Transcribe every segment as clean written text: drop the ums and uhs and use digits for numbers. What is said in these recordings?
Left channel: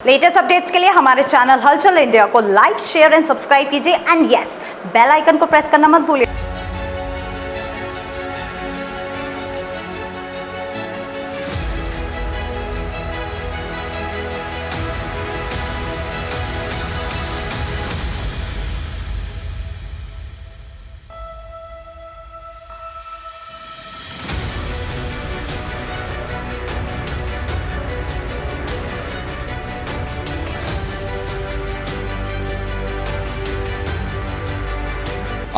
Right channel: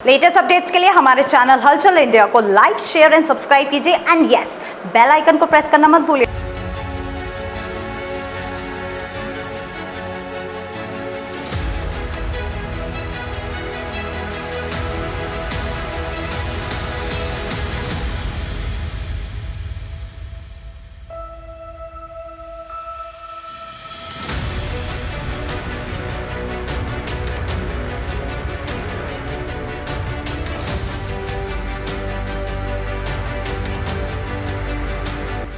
Latest updates के लिए हमारे चैनल हलचल इंडिया को लाइक, शेयर एंड सब्सक्राइब कीजिए एंड यस, बेल आइकन को प्रेस करना मत भूलिए।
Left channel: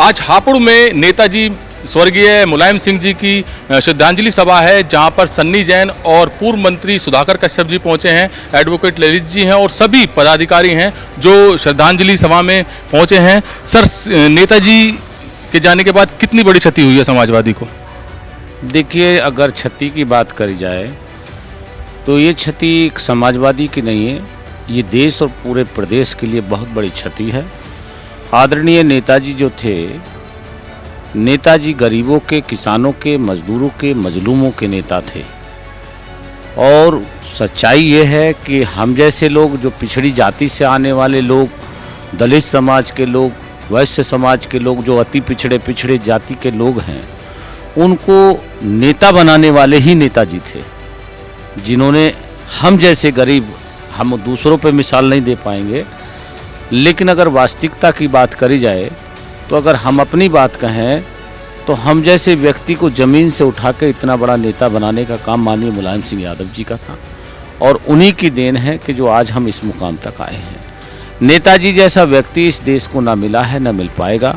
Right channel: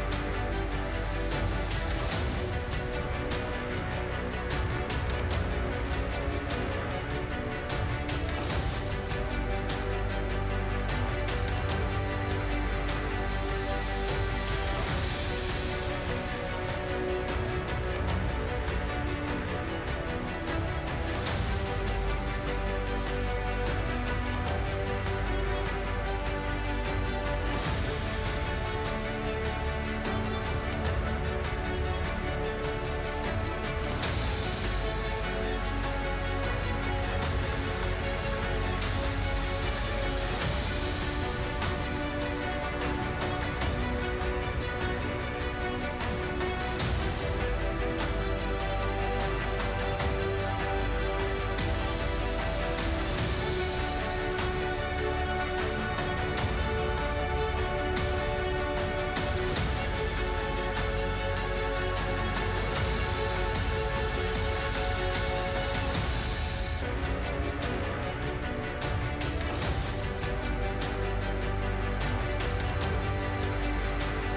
आज हापुड़ में नेताजी स्वर्गीय मुलायम सिंह जी की श्रद्धांजलि सभा है, जहां पर सन्नी जैन और पूर्व मंत्री सुधाकर कश्यप जी पहुंचे हैं, एडवोकेट ललित जी हैं और सभी पदाधिकारी हैं जो श्रद्धांजलि सभा में पहुंचे हैं। सर, नेताजी के जाने के बाद कितनी बड़ी क्षति हुई है समाजवादी को? देखिए, अगर क्षति की बात करी जाए तो ये क्षति एक समाजवादी की नहीं है, ये देश और पूरे प्रदेश के लिए बहुत बड़ी क्षति है। आदरणीय नेताजी जो थे, नेताजी गरीबों के, किसानों के, मजदूरों के, मजलूमों के नेता थे। और सच्चाई ये है कि हम जैसे लोग, जो पिछड़ी जाति से आने वाले लोग, दलित समाज के लोग, वैश्य समाज के लोग, जो अति पिछड़े जाति के लोग हैं, उनको नेता बनाने वाले ही नेताजी थे, जिन्होंने हम जैसे गरीब, हम दूसरों पे मिसाल नहीं दे पाएंगे, लेकिन अगर वास्तविकता की बात करी जाए तो अगर हम अपनी बात कहें तो हम जैसे व्यक्ति को ज़मीन से उठा के इतना बड़ा नेता बनाने का काम माननीय मुलायम सिंह यादव जी का था, और उन्हीं की देन है कि जो आज हम इस मुकाम तक आए हैं। नेताजी जैसा व्यक्ति इस देश को ना मिला है, ना मिल पाएगा।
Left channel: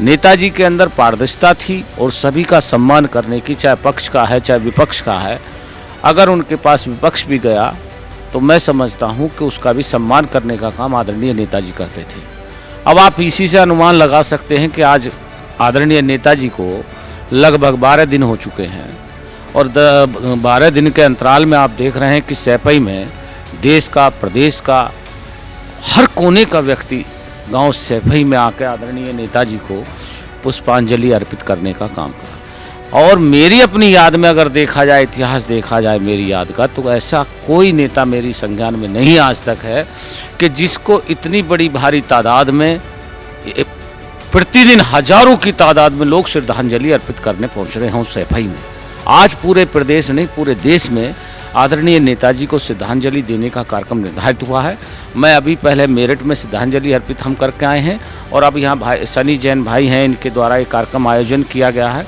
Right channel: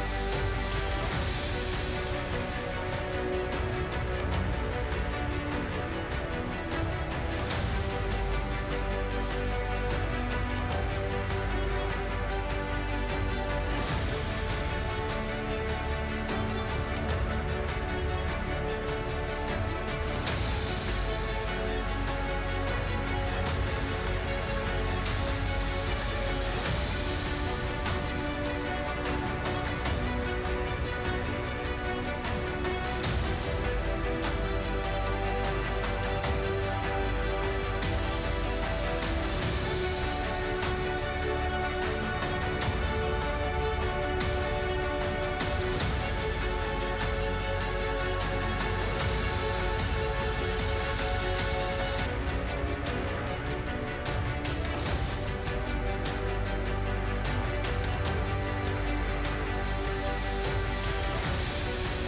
नेताजी के अंदर पारदर्शिता थी और सभी का सम्मान करने की, चाहे पक्ष का है चाहे विपक्ष का है। अगर उनके पास विपक्ष भी गया तो मैं समझता हूं कि उसका भी सम्मान करने का काम आदरणीय नेताजी करते थे। अब आप इसी से अनुमान लगा सकते हैं कि आज आदरणीय नेताजी को लगभग 12 दिन हो चुके हैं, और 12 दिन के अंतराल में आप देख रहे हैं कि सैपई में देश का, प्रदेश का, हर कोने का व्यक्ति गांव सैपई में आकर आदरणीय नेताजी को पुष्पांजलि अर्पित करने का काम करा। और मेरी अपनी याद में अगर देखा जाए, इतिहास देखा जाए मेरी याद का, तो ऐसा कोई नेता मेरी संज्ञान में नहीं आज तक है कि जिसको इतनी बड़ी भारी तादाद में, प्रतिदिन हजारों की तादाद में लोग श्रद्धांजलि अर्पित करने पहुंच रहे हों सैफई में। आज पूरे प्रदेश नहीं, पूरे देश में आदरणीय नेताजी को श्रद्धांजलि देने का कार्यक्रम निर्धारित हुआ है। मैं अभी पहले मेरठ में श्रद्धांजलि अर्पित हम करके आए हैं, और अब यहाँ भाई सनी जैन भाई हैं, इनके द्वारा एक कार्यक्रम आयोजन किया गया है,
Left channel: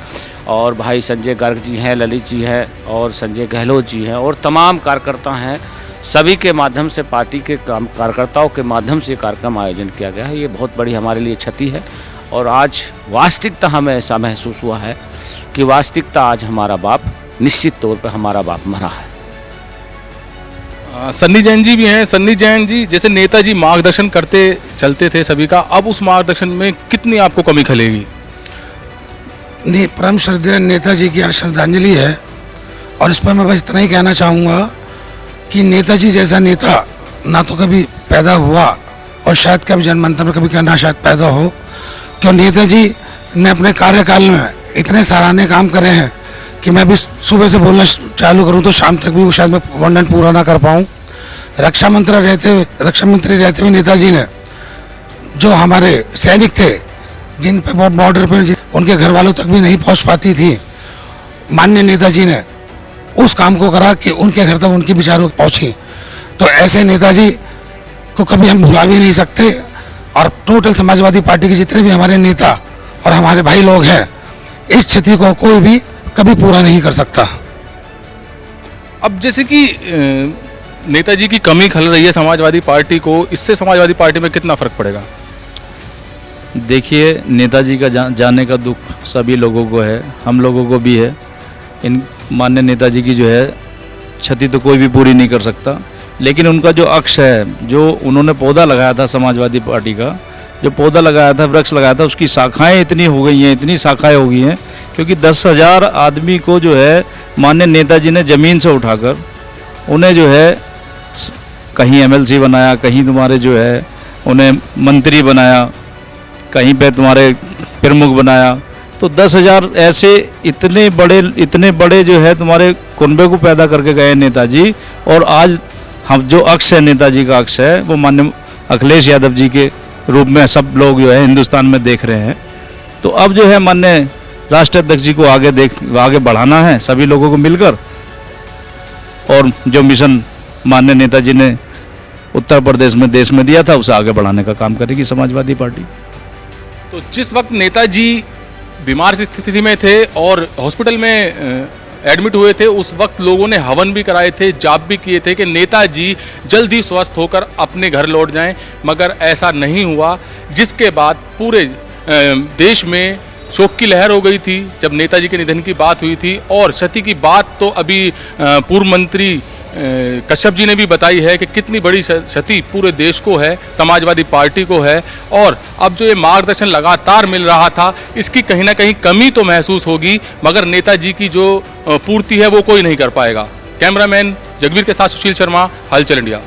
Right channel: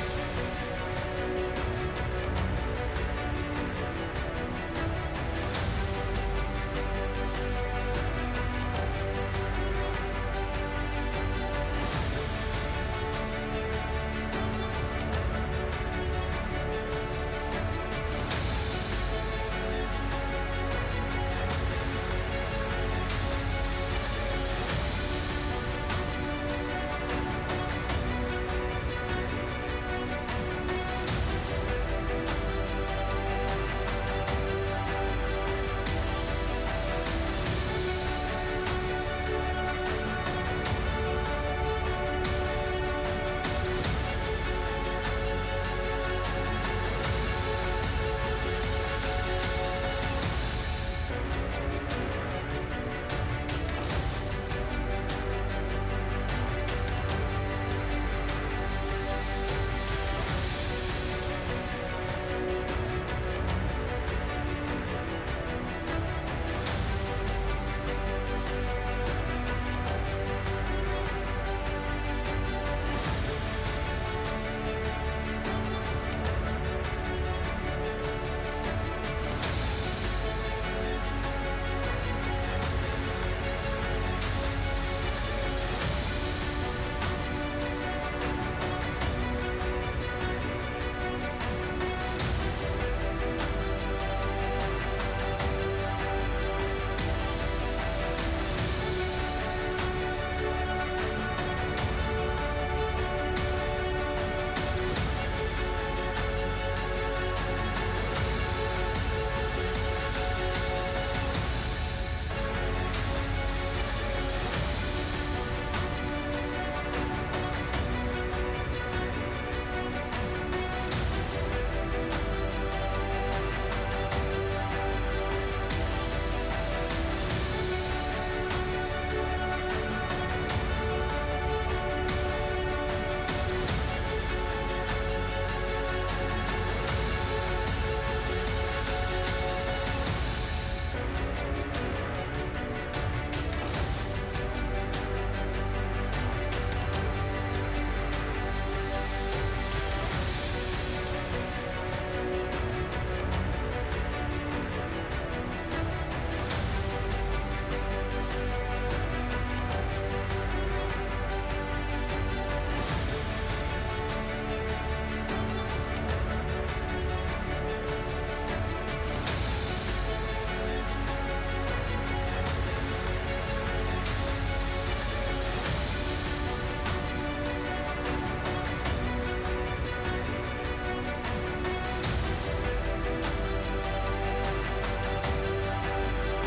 और भाई संजय गर्ग जी हैं, ललित जी हैं और संजय गहलोत जी हैं और तमाम कार्यकर्ता हैं। सभी के माध्यम से, पार्टी के कार्यकर्ताओं के माध्यम से कार्यक्रम आयोजन किया गया है। ये बहुत बड़ी हमारे लिए क्षति है, और आज वास्तविकता हमें ऐसा महसूस हुआ है कि वास्तविकता आज हमारा बाप, निश्चित तौर पर हमारा बाप मरा है। सन्नी जैन जी भी हैं। सन्नी जैन जी, जैसे नेताजी मार्गदर्शन करते चलते थे सभी का, अब उस मार्गदर्शन में कितनी आपको कमी खलेगी? परम श्रद्धेय नेताजी की आज श्रद्धांजलि है, और इस पर मैं बस इतना ही कहना चाहूँगा कि नेताजी जैसा नेता ना तो कभी पैदा हुआ, और शायद कभी जनमंत्र में कभी ना शायद पैदा हो, क्यों नेताजी ने अपने कार्यकाल में इतने सराहनीय काम करे हैं कि मैं भी सुबह से बोलना चालू करूं तो शाम तक भी वो शायद मैं वर्णन पूरा ना कर पाऊं। रक्षा मंत्री रहते हुए नेताजी ने जो हमारे सैनिक थे, जिन पे बॉर्डर पर उनके घर वालों तक भी नहीं पहुंच पाती थी, माननीय नेताजी ने उस काम को करा कि उनके घर तक उनकी विचारों पहुंची। तो ऐसे नेताजी को कभी हम भुला भी नहीं सकते, और टोटल समाजवादी पार्टी के जितने भी हमारे नेता और हमारे भाई लोग हैं, इस क्षति को कोई भी कभी पूरा नहीं कर सकता। अब जैसे कि नेताजी की कमी खल रही है समाजवादी पार्टी को, इससे समाजवादी पार्टी में कितना फर्क पड़ेगा? देखिए, नेताजी का जाने का दुख सभी लोगों को है, हम लोगों को भी है। इन माननीय नेताजी की जो है क्षति तो कोई भी पूरी नहीं कर सकता, लेकिन उनका जो अक्ष है, जो उन्होंने पौधा लगाया था समाजवादी पार्टी का, जो पौधा लगाया था, वृक्ष लगाया था, उसकी शाखाएं इतनी हो गई हैं, इतनी शाखाएं हो गई हैं, क्योंकि 10,000 आदमी को जो है माननीय नेताजी ने ज़मीन से उठाकर उन्हें जो है कहीं MLC बनाया, कहीं तुम्हारे जो है उन्हें मंत्री बनाया, कहीं पे तुम्हारे प्रमुख बनाया। तो 10,000 ऐसे इतने बड़े जो है तुम्हारे कुनबे को पैदा करके गए नेताजी, और आज हम जो अक्ष है नेताजी का अक्ष है वो माननीय अखिलेश यादव जी के रूप में सब लोग जो है हिंदुस्तान में देख रहे हैं। तो अब जो है माननीय राष्ट्रीय अध्यक्ष जी को आगे बढ़ाना है सभी लोगों को मिलकर, और जो मिशन माननीय नेताजी ने उत्तर प्रदेश में देश में दिया था उसे आगे बढ़ाने का काम करेगी समाजवादी पार्टी। तो जिस वक्त नेताजी बीमार स्थिति में थे और हॉस्पिटल में एडमिट हुए थे, उस वक्त लोगों ने हवन भी कराए थे, जाप भी किए थे कि नेताजी जल्द ही स्वस्थ होकर अपने घर लौट जाएं, मगर ऐसा नहीं हुआ, जिसके बाद पूरे देश में शोक की लहर हो गई थी जब नेताजी के निधन की बात हुई थी। और क्षति की बात तो अभी पूर्व मंत्री कश्यप जी ने भी बताई है कि कितनी बड़ी क्षति पूरे देश को है, समाजवादी पार्टी को है, और अब जो ये मार्गदर्शन लगातार मिल रहा था इसकी कहीं ना कहीं कमी तो महसूस होगी, मगर नेताजी की जो पूर्ति है वो कोई नहीं कर पाएगा। कैमरामैन जगवीर के साथ सुशील शर्मा, हलचल इंडिया।